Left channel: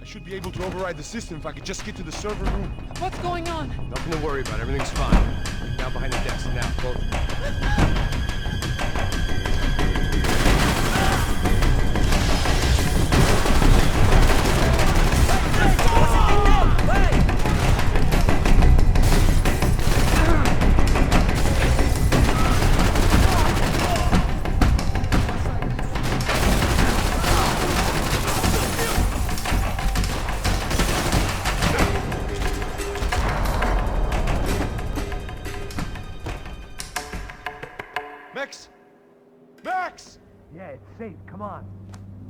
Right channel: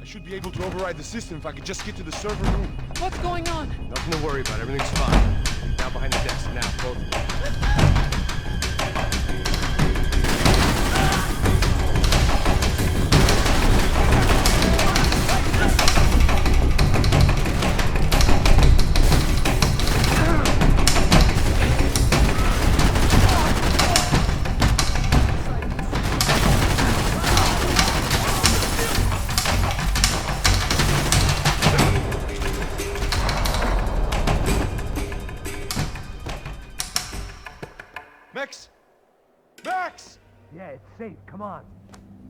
I should be able to override the system if I could just get to the server room. What's going on? Nothing to worry about. Everything's fine. Down behind the desk now, both of you. Max! Max! Yeah, it's safe. Come on.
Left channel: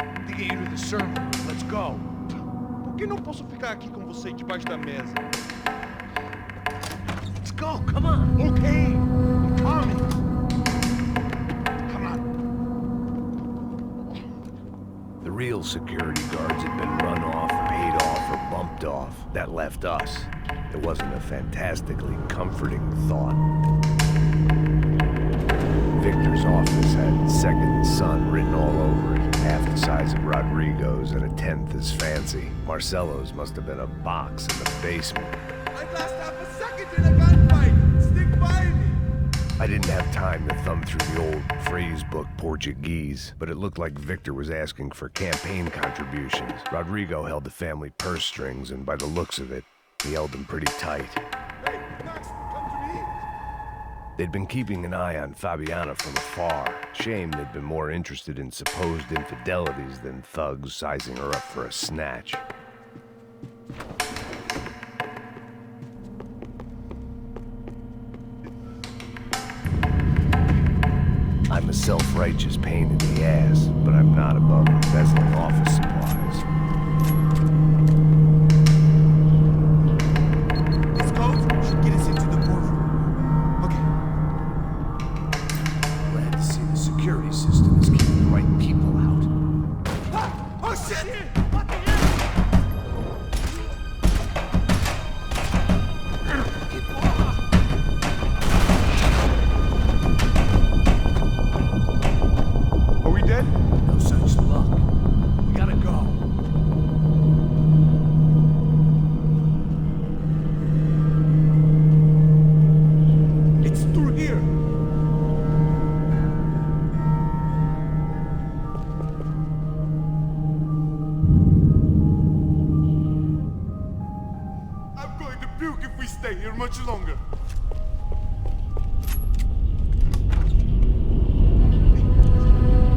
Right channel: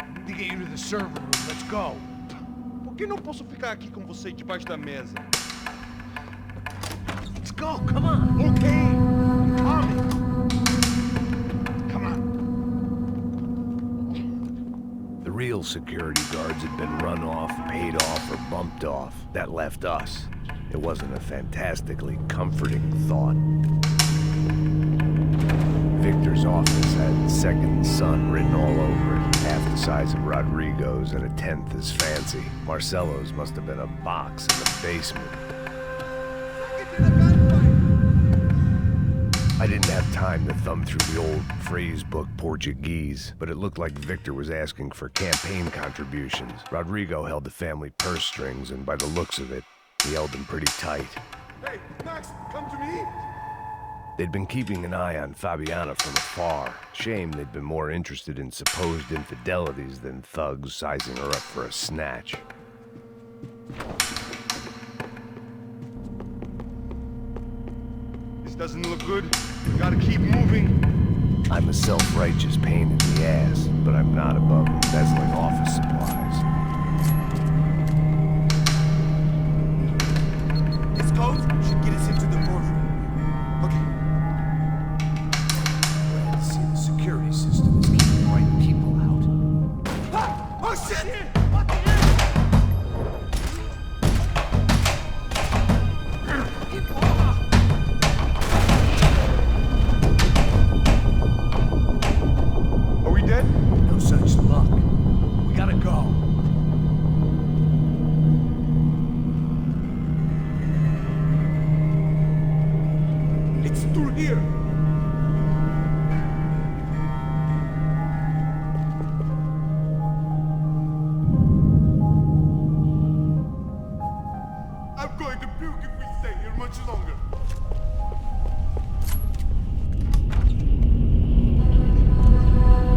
I need to get you to the server room. Let's go. Por que não posso ficar aqui com você debaixo da mesa? Let's go. Come on. Okay, I'm coming. Come on. The real security guards had been run off, paid off, or bumped off. That left us. It wasn't a fantastically comforting thought. Victor's office had second son written all over it, half the size of Rodrigo's and a tenth as fancy. Marcelo's must have been a box in the basement. I didn't have time to thumb through the old phrase book Portuguese, but it looked like Victor was asking for campaign contributions. Rodrigo held the family purse strings, and by the looks of it, he held them pretty tight. Hey, Max, come to me. They'd been keeping an eye on Fabiana from afar. Shame they'd been more interested in supposed infidelities than thugs sizing her up for a snatch. This doesn't look good. We gotta keep moving. I'm a self-righteous pain in the ass, but I'm not above embezzling office supplies. This code should get us into the boardroom. Okay. Glad to see the security system is keeping the right people out. Ah! Oh shit! Are we dead? No such luck. We gotta go. It's through here. I'm going to puke if we stay here much longer.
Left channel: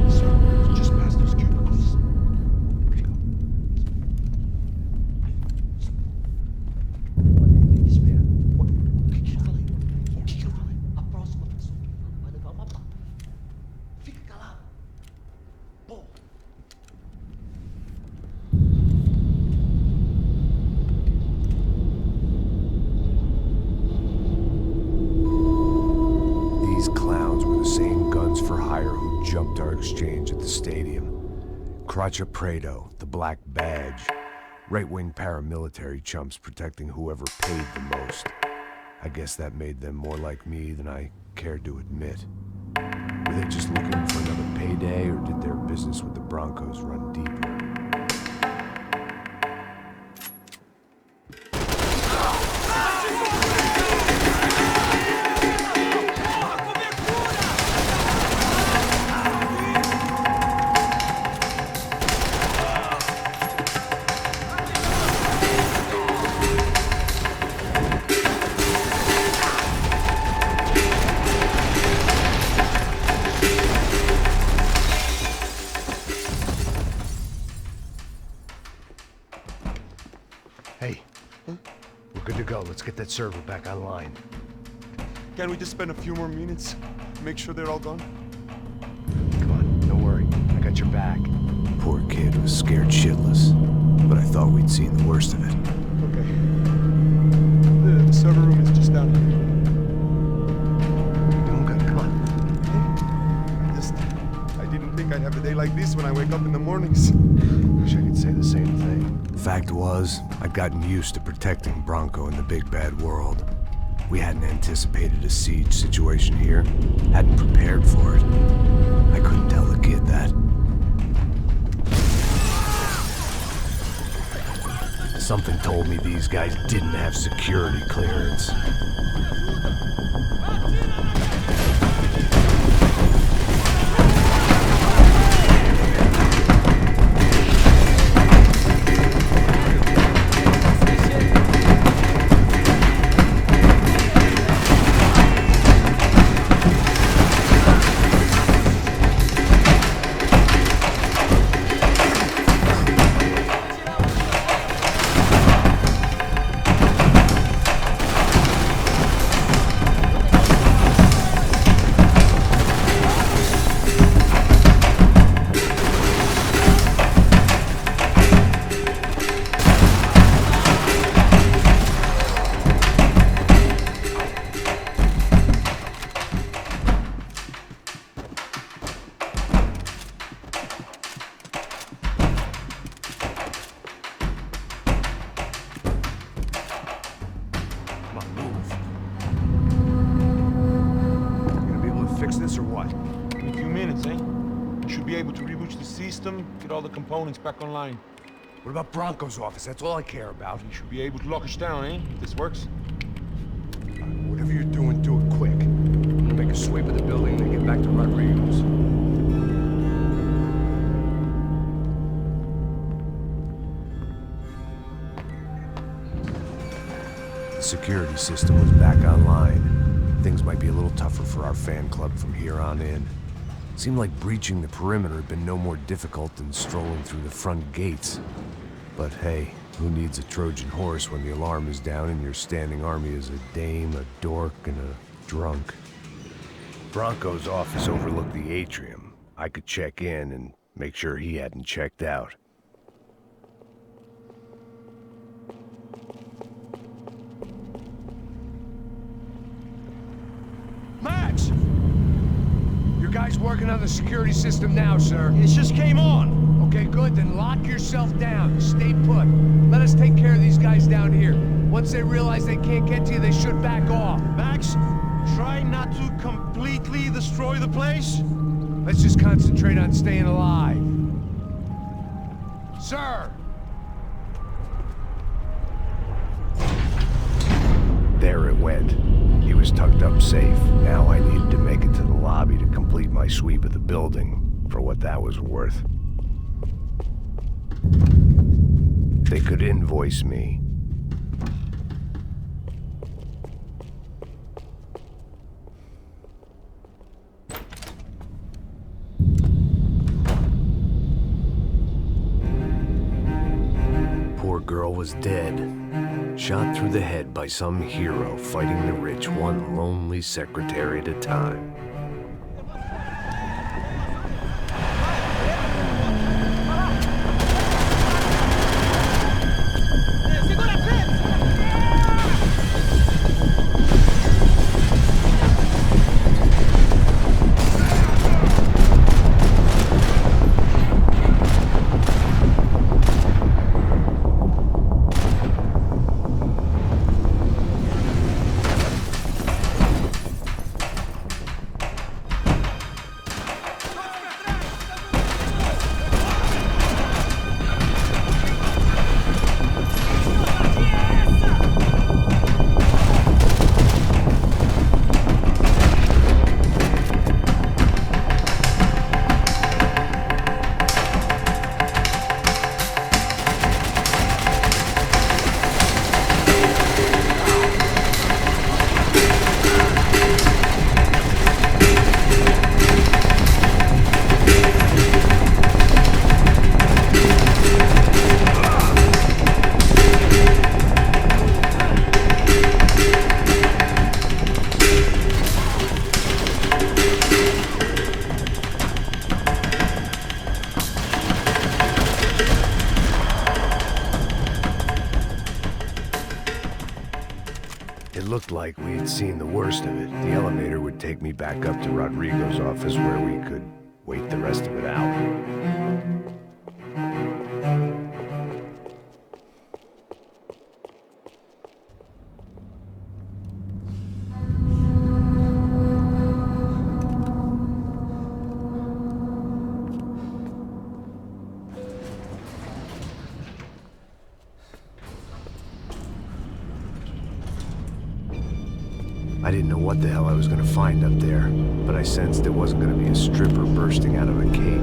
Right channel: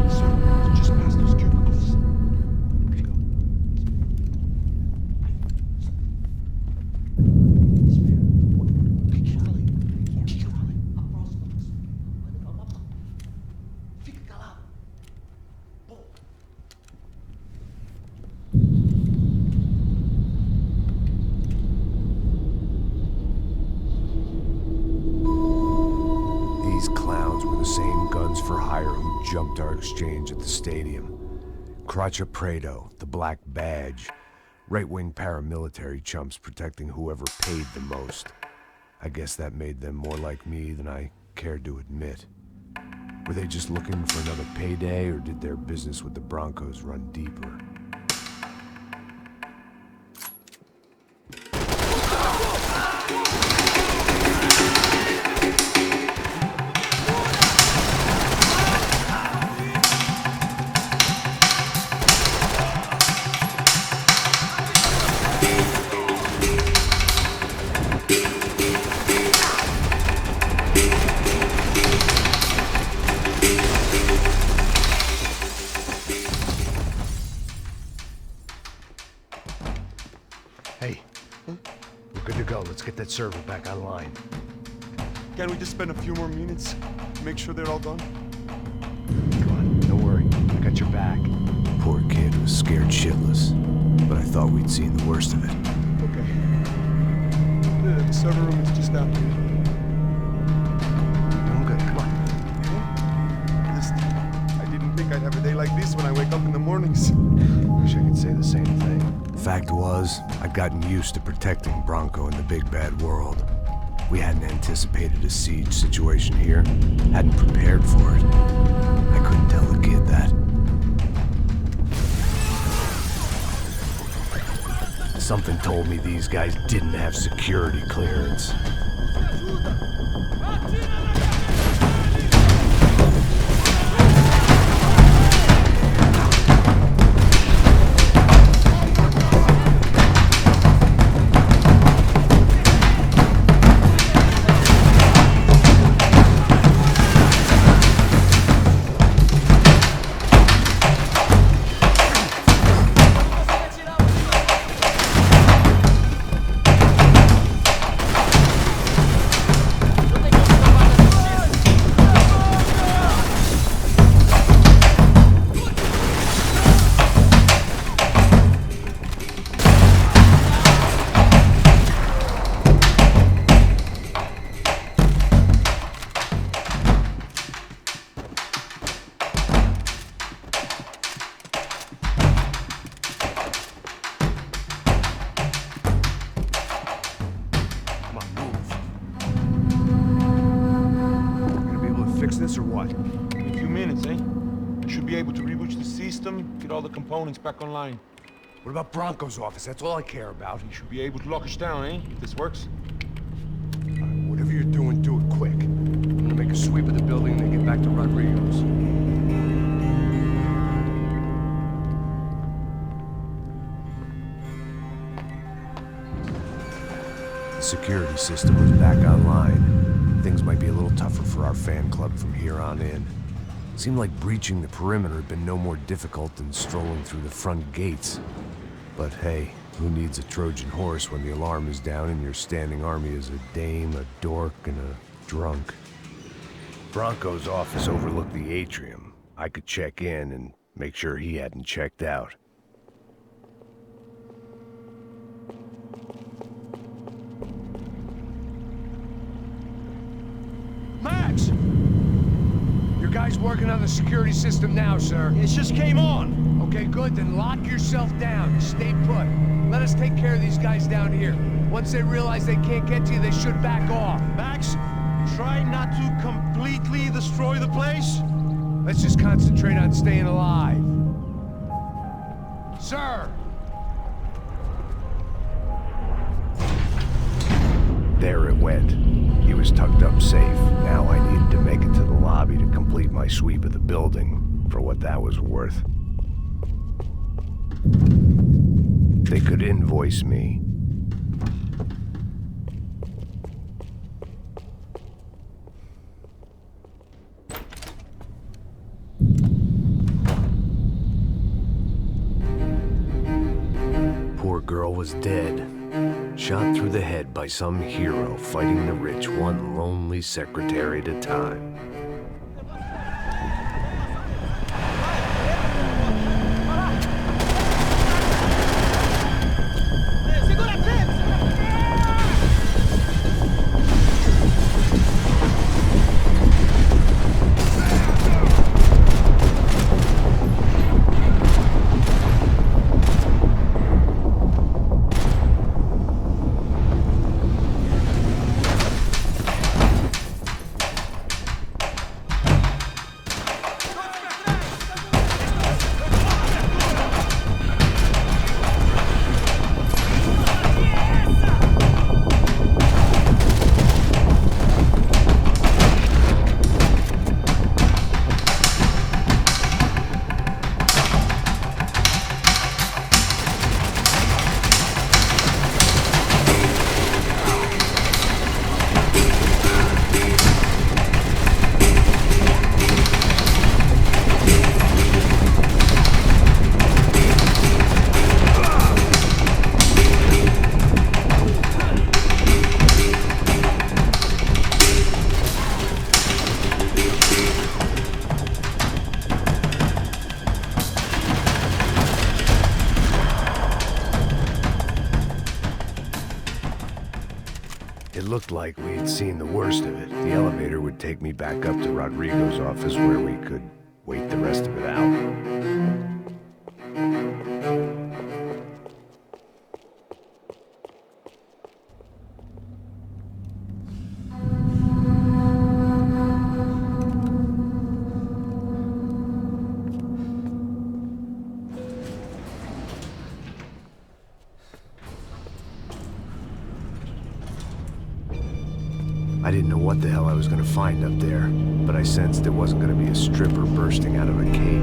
Sir, just past those cubicles. Let's go. Fica calado. Bom. These clowns were the same guns for hire who jumped our exchange at the stadium. Cracha Prado, the Black Badge. Right-wing paramilitary chumps protecting whoever paid the most. I guess that made them more like me than I cared to admit. Were they just looking for another payday, or did their business with the Broncos run deeper? Hey, we're good to go. Let's get that server back online. Can't we just spend a few more minutes? Make sure they're all gone? Come on, don't worry. I got your back. Poor kid was scared shitless, but I thought we'd seen the worst of it. Okay. The server room is just down here. You're doing good. Come on. I didn't think I'd have a day like this when I wake up in the mornings. Wish I could say the same thing. Fact was, I'd gotten used to protecting Bronco in the big bad world. We hadn't anticipated a siege situation here, hadn't prepared for it. I couldn't tell the kid that. Something told me these guys didn't have security clearance. Fix this or what? In a few minutes, eh? I should be able to reboot the system, get all the components back online. What about Bronco's office? That's all I care about. You should be able to lock us down, eh? If this works. Whatever you're doing, do it quick. I'm gonna make a sweep of the building and then get back to Rodrigo's. The security system was back online. Things might be a little tougher for our fan club from here on in. Seemed like breaching the perimeter had been no more difficult than strolling through the front gates. But hey, who needs a Trojan horse when the alarm is down and your standing army is a dame, a dork, and a drunk? Bronco's office overlooked the atrium. I could check in and make sure he hadn't checked out. Max! Your guy's working on the security system now, sir. It just came on! Okay, good. Then lock yourself down. Stay put. Let us take care of these guys down here. Once they realize they can't get to you, they should back off. Max, try not to completely destroy the place. Let's just concentrate on staying alive. Sir! There it went. He was tucked up safe. Now I needed to make it to the lobby to complete my sweep of the building, for what that was worth. They could invoice me. Poor girl was dead. Shot through the head by some hero fighting the rich one lonely secretary at a time. It looked like we had seen the worst of it. The elevator would take me back up to Rodrigo's office where we could wait the rest of it out. I didn't know what the hell I was gonna find up there, but I sensed it wasn't gonna be a stripper bursting out of a cake.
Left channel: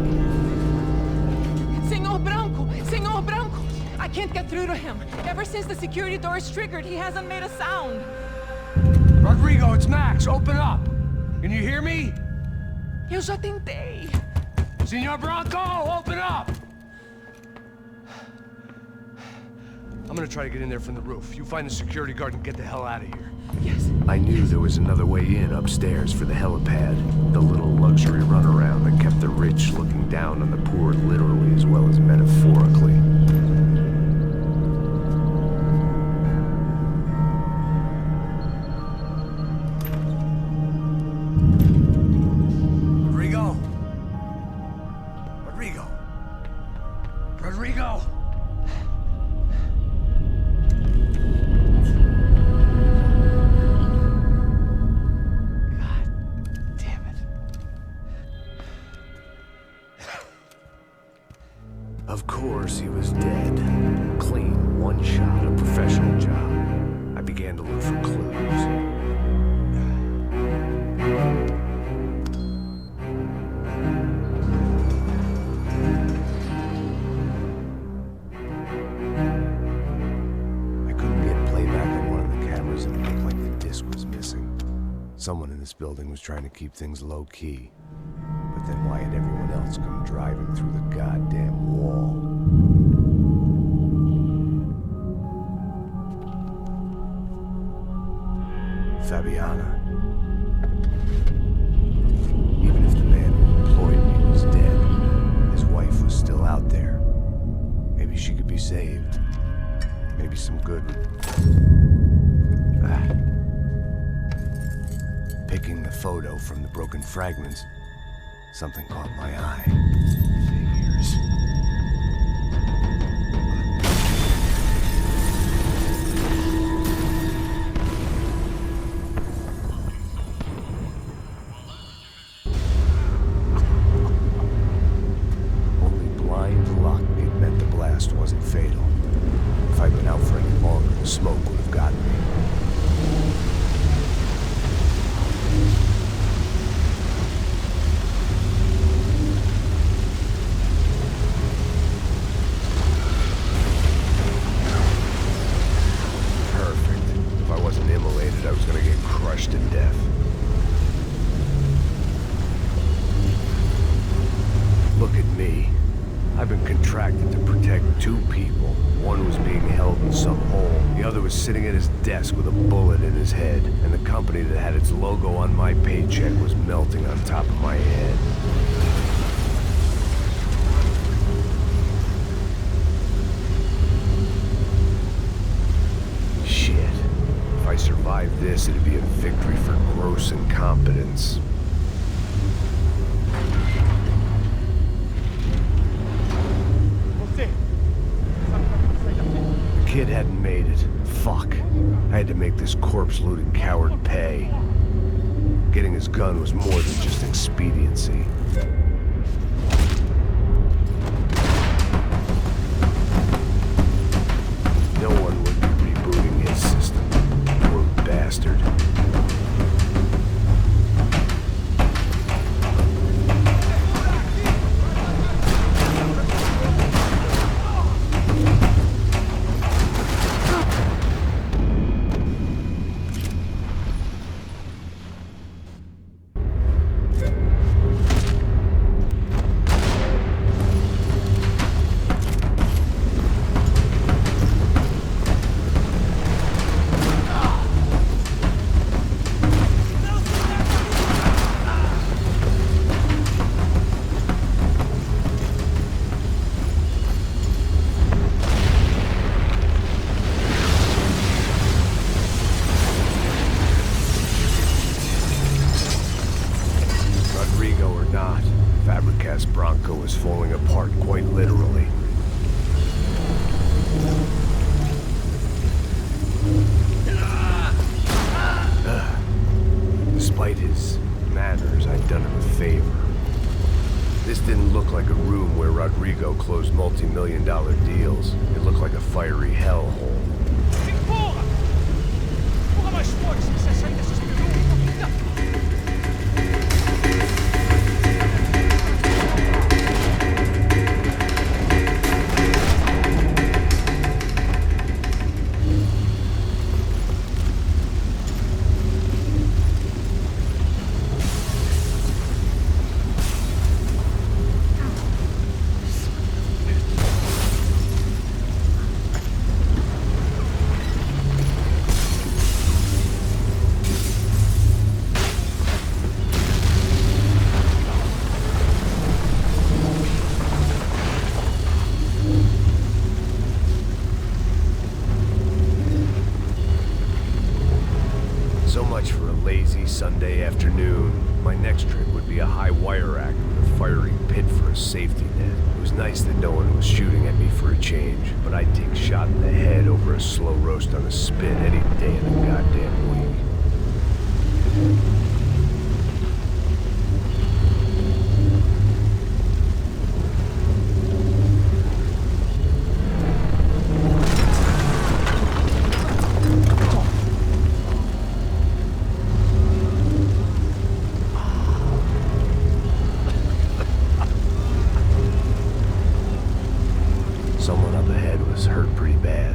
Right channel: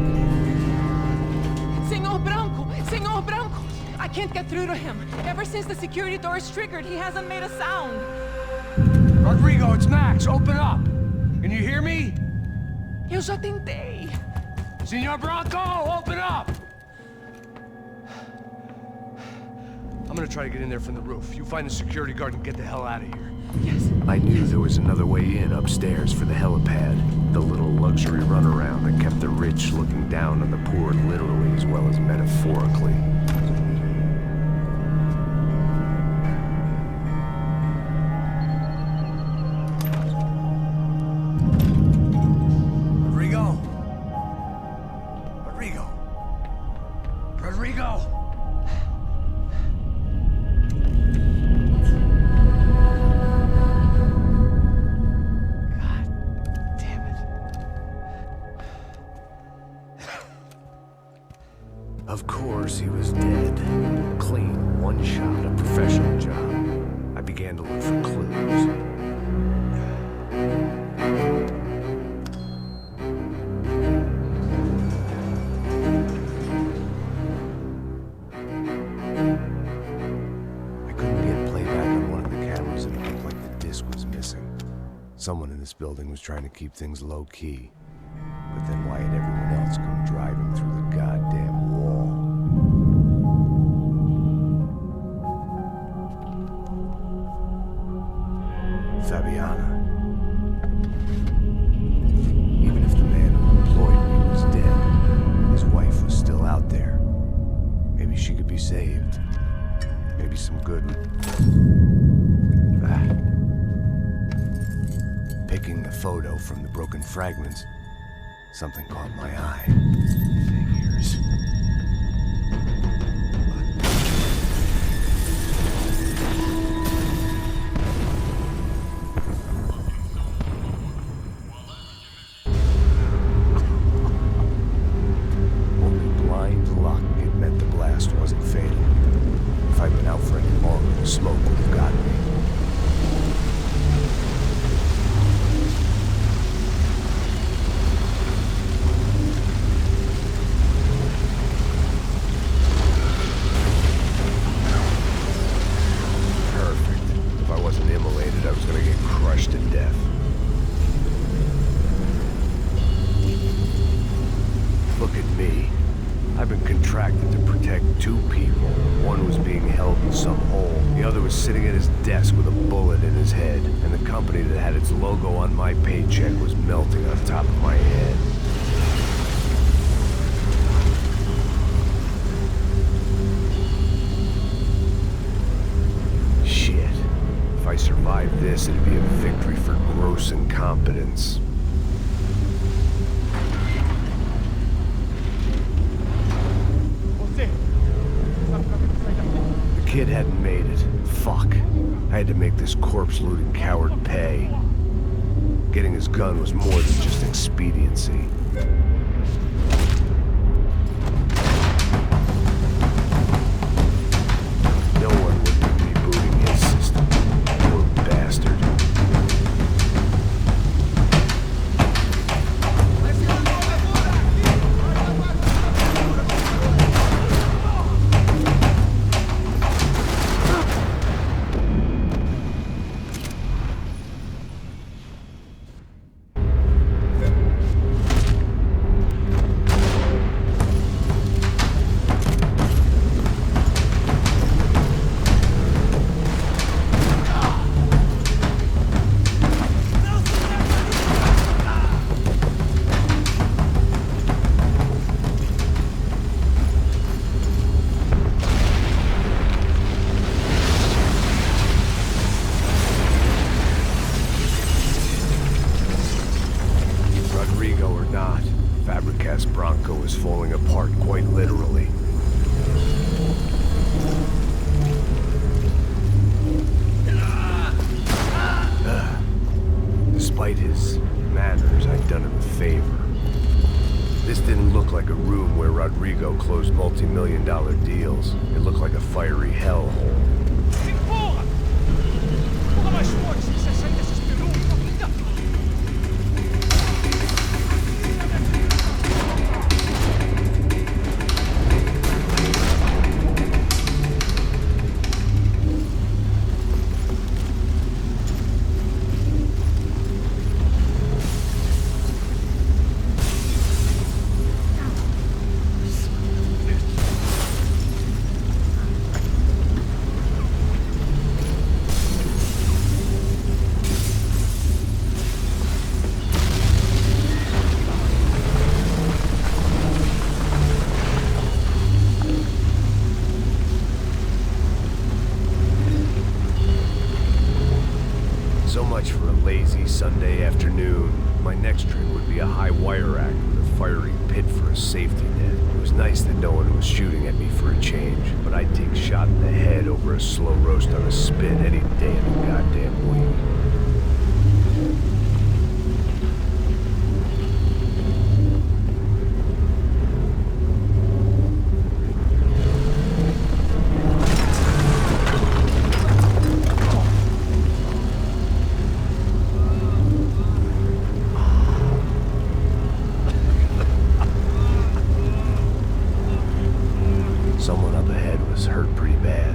Senor Branco! Senor Branco! I can't get through to him. Ever since the security door is triggered, he hasn't made a sound. Rodrigo, it's Max. Open up. Can you hear me? Eu já tentei. Senor Branco, open up! I'm gonna try to get in there from the roof. You find the security guard and get the hell out of here. Yes. I knew there was another way in upstairs for the helipad, the little luxury runaround that kept the rich looking down on the poor literally as well as metaphorically. Rodrigo? Rodrigo? Rodrigo? Of course, he was dead. Clean, one shot, a professional job. I began to look for clues. I couldn't get playback on one of the cameras and it looked like the disc was missing. Someone in this building was trying to keep things low-key. But then why had everyone else come driving through the goddamn wall? Fabiana. Even if the man who employed me was dead, his wife was still out there. Maybe she could be saved. Maybe some good would... Picking the photo from the broken fragments, something caught my eye. Figures. Only blind luck it meant the blast wasn't fatal. If I'd been out for any longer, the smoke would have gotten me. I was gonna get crushed to death. Look at me. I've been contracted to protect two people. One was being held in some hole. The other was sitting at his desk with a bullet in his head. And the company that had its logo on my paycheck was melting on top of my head. If I survived this, it'd be a victory for gross incompetence. The kid hadn't made it. Fuck. I had to make this corpse-looting coward pay. Getting his gun was more than just expediency. No one would be rebooting his system. Poor bastard. Rodrigo or not, Fabricas Bronco is falling apart quite literally. Despite his manners, I'd done him a favor. This didn't look like a room where Rodrigo closed multi-million-dollar deals. It looked like a fiery hellhole. Porra! Porra, mais forte! 60 desesperou! much for a lazy Sunday afternoon. My next trick would be a high wire act with a fiery pit for a safety net. It was nice that no one was shooting at me for a change, but I'd take a shot in the head over a slow roast on a spit any day of the goddamn week. Someone up ahead was hurt pretty bad.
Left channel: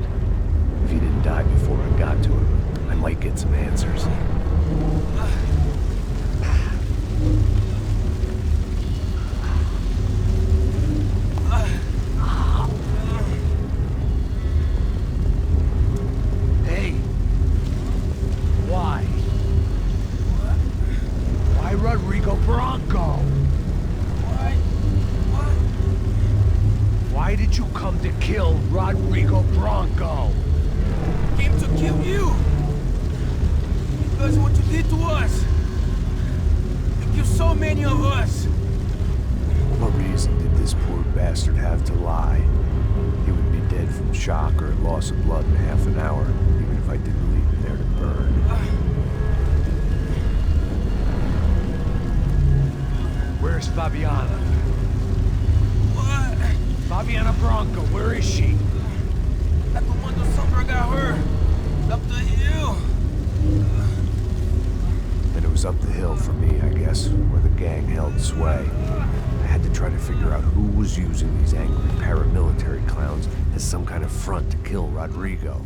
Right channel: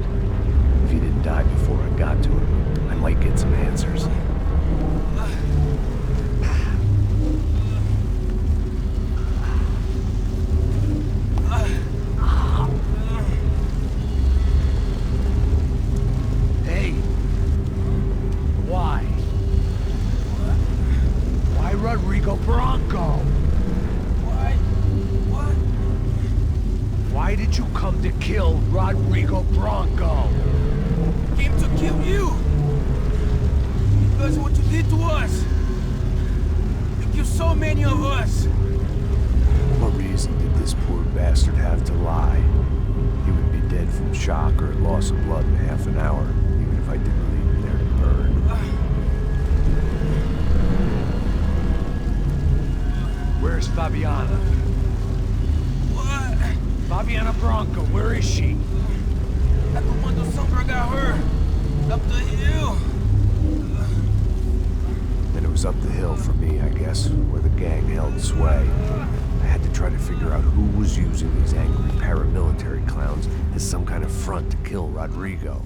If he didn't die before I got to him, I might get some answers. Hey! Why? Why Rodrigo Bronco? Why did you come to kill Rodrigo Bronco? Came to kill you! Because of what you did to us! You killed so many of us! What reason did this poor bastard have to lie? He would be dead from shock or loss of blood in half an hour, even if I didn't leave him there to burn. Where's Fabiana? What? Fabiana Bronco, where is she? At the one that Sombra got her. Up the hill. Then it was up the hill for me, I guess, where the gang held sway. I had to try to figure out who was using these angry paramilitary clowns as some kind of front to kill Rodrigo.